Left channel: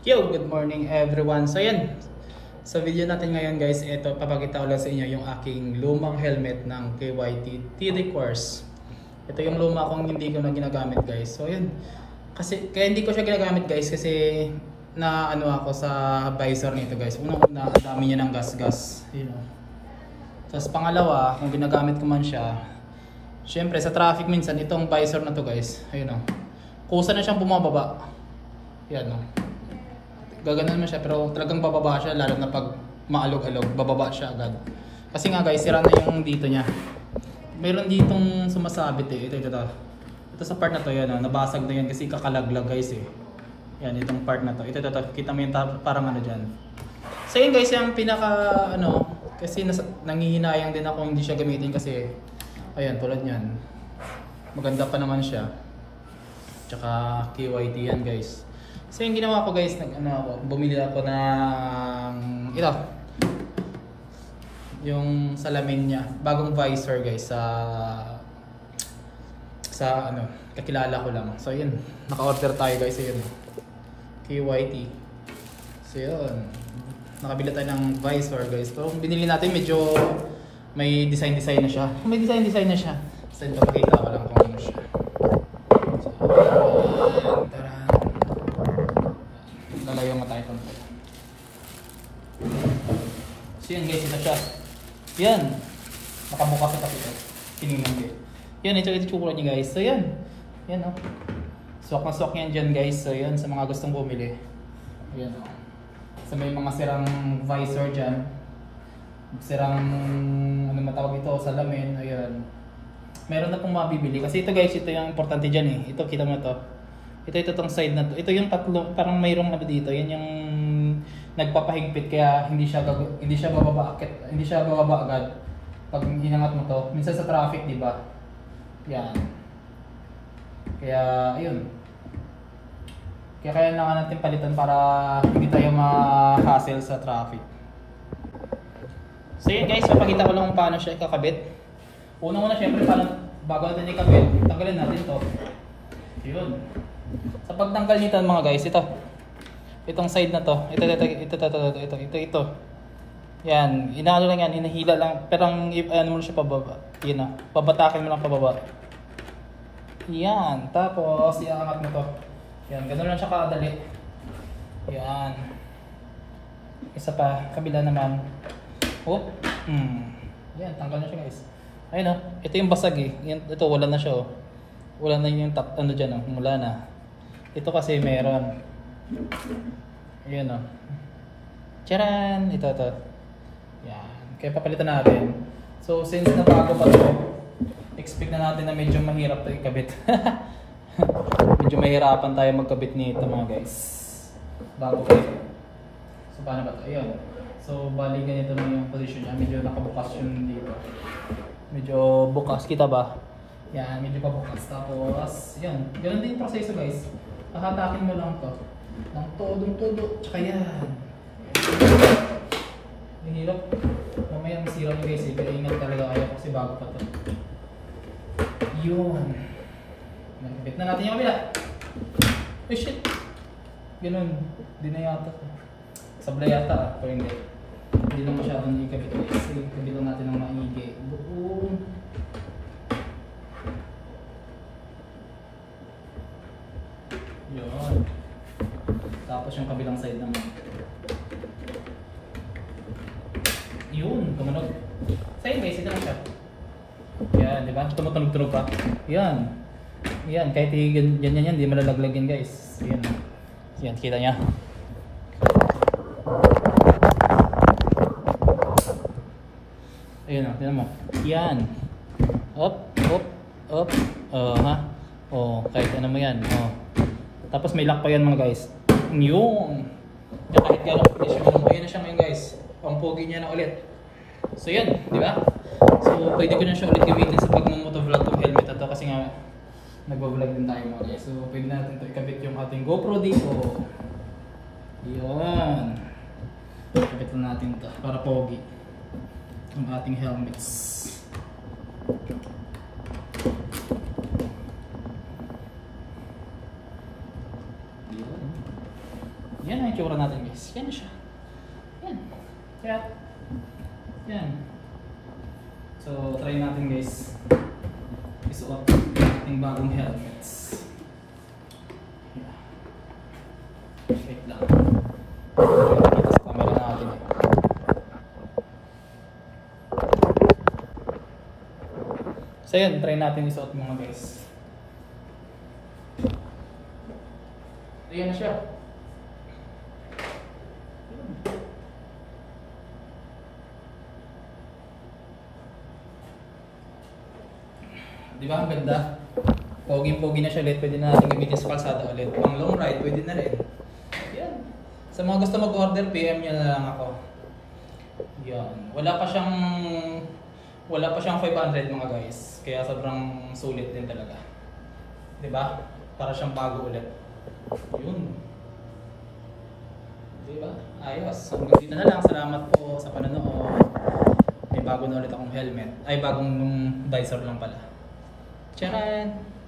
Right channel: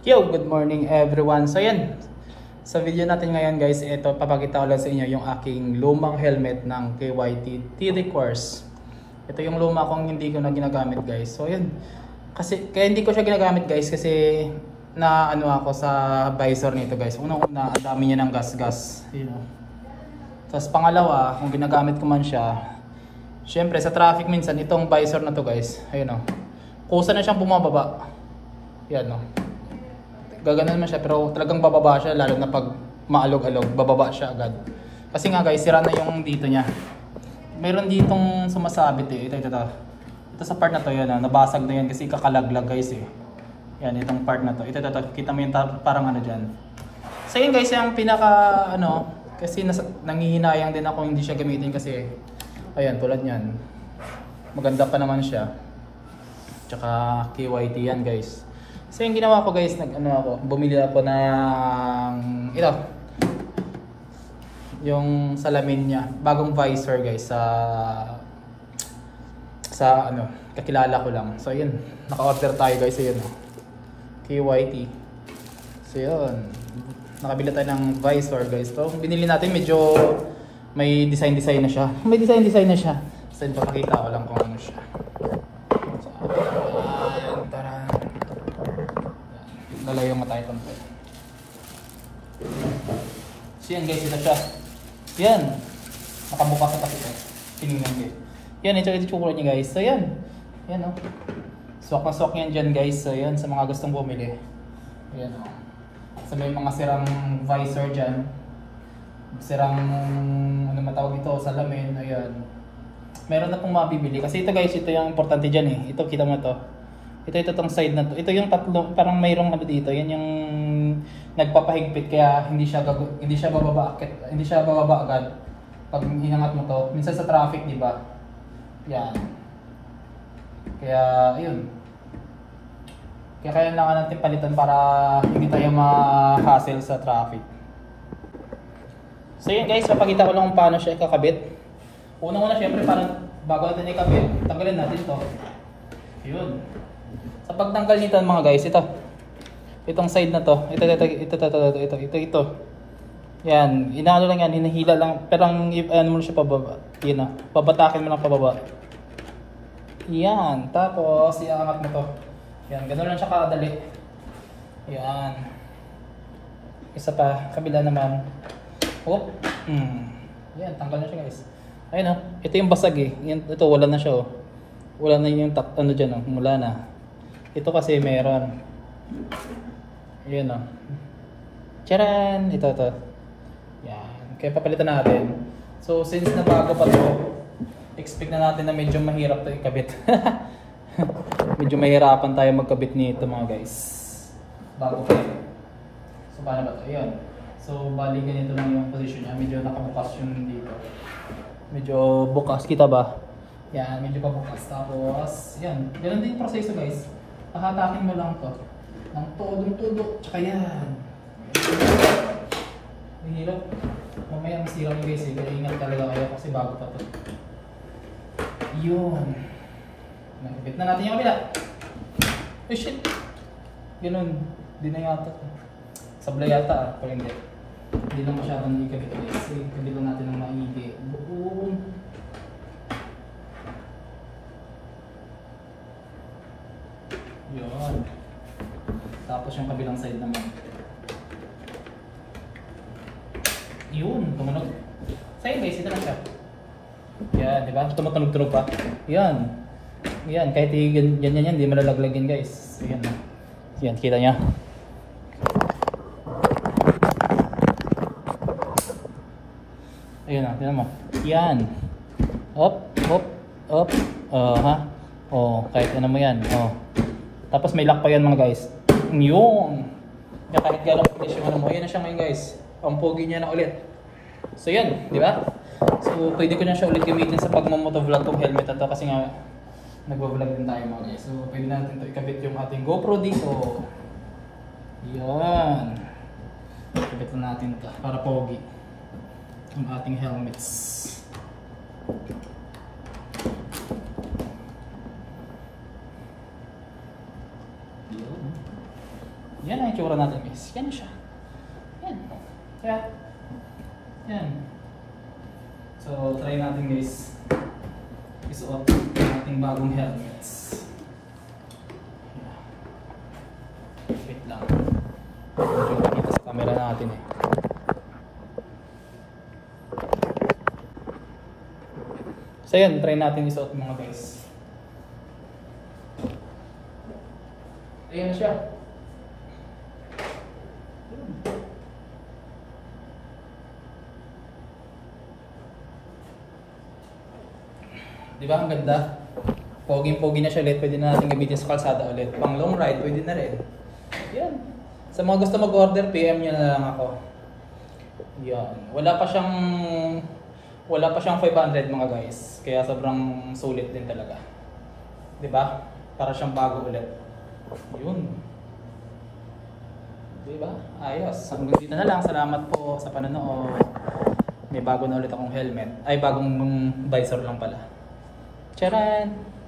Yo, good morning everyone. So yan, sa video natin ngayon guys, ito papakita ko lang sa inyo yung aking lumang helmet ng KYT TD Course. Ito yung luma kong hindi ko na ginagamit guys. So yan, kasi kaya hindi ko siya ginagamit guys kasi na ano ako sa visor nito guys. Unang-una, ang dami niya ng gas-gas, you know. Tapos pangalawa, kung ginagamit ko man siya, syempre sa traffic minsan itong visor na to guys, ayun oh. Kusa na siyang bumababa. Yan oh. Gaganon man siya pero talagang bababa siya lalo na pag maalog-alog, bababa siya agad. Kasi nga guys, sira na yung dito niya. Mayroon ditong sumasabit eh. Ito sa part na to yan, nabasag na yan kasi kakalaglag guys eh. Yan, itong part na to. Ito, kita mo yung parang ano dyan. So yun guys, yung pinaka ano, kasi nangihinayang din ako hindi siya gamitin kasi ayan, tulad yan. Maganda pa naman siya. Tsaka KYT yan guys. So yung ginawa ko guys, bumili ako ng ito. Yung salamin niya, bagong visor guys sa ano, kakilala ko lang. So yun, naka-order tayo guys, yun. KYT. So yun, nakabili tayo ng visor guys. So binili natin medyo may design na siya. May design na siya. So yun, papakita ko lang kung ano siya. So yan guys, ito siya. Yan. Nakabukas na kasi ito. Piningin ko. Yan, ito tsura niya guys. So yan. Yan o. Swak na swak yan dyan guys. So yan, sa mga gustong bumili. Yan o. So may mga sirang visor dyan. Sirang, ano matawag ito, salamin. Ayan. Meron na pong mabibili. Kasi ito guys, ito yung importante dyan eh. Ito, kita mo ito. Ito itong side na to. Ito yung tatlo, parang mayroong ano dito. Yan yung nagpapahigpit kaya hindi siya bababa agad pag hinangat mo to. Minsan sa traffic, di ba? Yan. Kaya ayun. Kaya kailangan natin palitan para hindi tayo ma-hassle sa traffic. So yun guys, papakita ko lang kung paano siya ikakabit. Una-una syempre bago natin ikabit, tanggalin natin to. Ayun. Sa pagtanggal nito mga guys, itong side na to, ito. Yan, inaano lang yan, hinahila lang, pero ano mo siya pababa. Yan o, babatakin mo lang pababa. Yan, tapos iaangat mo to. Yan, ganoon lang siya kadali. Yan. Isa pa, kabila naman. Oh, yan, tanggal na siya guys. Ayun o, ito yung basag eh. Yan, ito wala na siya o. Wala na yung ano dyan o, wala na. Ito kasi meron. Ayan o. Charan! Ito. Yan. Kaya papalitan natin. So since na bago pa ito, expect na natin na medyo mahirap ito ikabit. Medyo mahirapan tayo magkabit nito mga guys. Bago pa ito. So paano ba ito? Ayan. So bali ganito lang yung position niya. Medyo nakabukas yung dito. Medyo bukas. Kita ba? Yan. Medyo pabukas. Tapos yan. Ganun din yung proseso guys. Hahatakin mo lang to ng todo, tsaka yan. Nahihirap. Mamaya masira mo guys eh, kaya ingat talaga kayo kasi bago pa to. Yun. Nakabit na natin yung kabila. Oh shit. Ganun. Hindi na yata. Sablay yata pero hindi. Hindi lang masyadong ikabit kasi kabitan natin ng maigi. Buong. Yun. Tapos yung kabilang side naman. Yun, tumunog. Sa'yo guys, ito lang siya. Yan, di ba? Tumutunog-tunog pa. Yan. Yan, kahit yan, di malalaglag yan guys. Yan. Yan, kita niya. Ayan na, tignan mo. Yan. Op. Kahit ano mo yan. Tapos may lock pa yan mga guys. Yung kahit gano'ng condition mo, ayan na siya ngayon guys. Ang pogi niya na ulit. So yan, di ba? So pwede ko na siya ulit gamitin sa pag-motovlog tong helmet na to kasi nga nagvo-vlog din tayo mga guys. So pwede natin ito ikabit yung ating GoPro dito. Yan. Ikabit na natin ito para pogi ang ating helmets. Yan ang guys. Yan na siya. Yan. Yan. Yan. So, try natin guys. Isuot ang ating bagong helmets. Wait lang. Kita sa camera natin eh. So yun, try natin isuot mga guys. Ayan na siya. Di ba ang ganda? Pogi-pogi na siya ulit. Pwede na natin gamitin sa kalsada ulit. Pang long ride, pwede na rin. Yan. Sa mga gusto mag-order, PM nyo na lang ako. Yan. Wala pa siyang 500 mga guys. Kaya sobrang sulit din talaga. 'Di ba? Para siyang bago ulit. 'Yun. 'Di ba? Ayos. Hanggang dito na lang. Salamat po sa panonood. May bago na ulit akong helmet. Ay, bagong visor lang pala. Charan!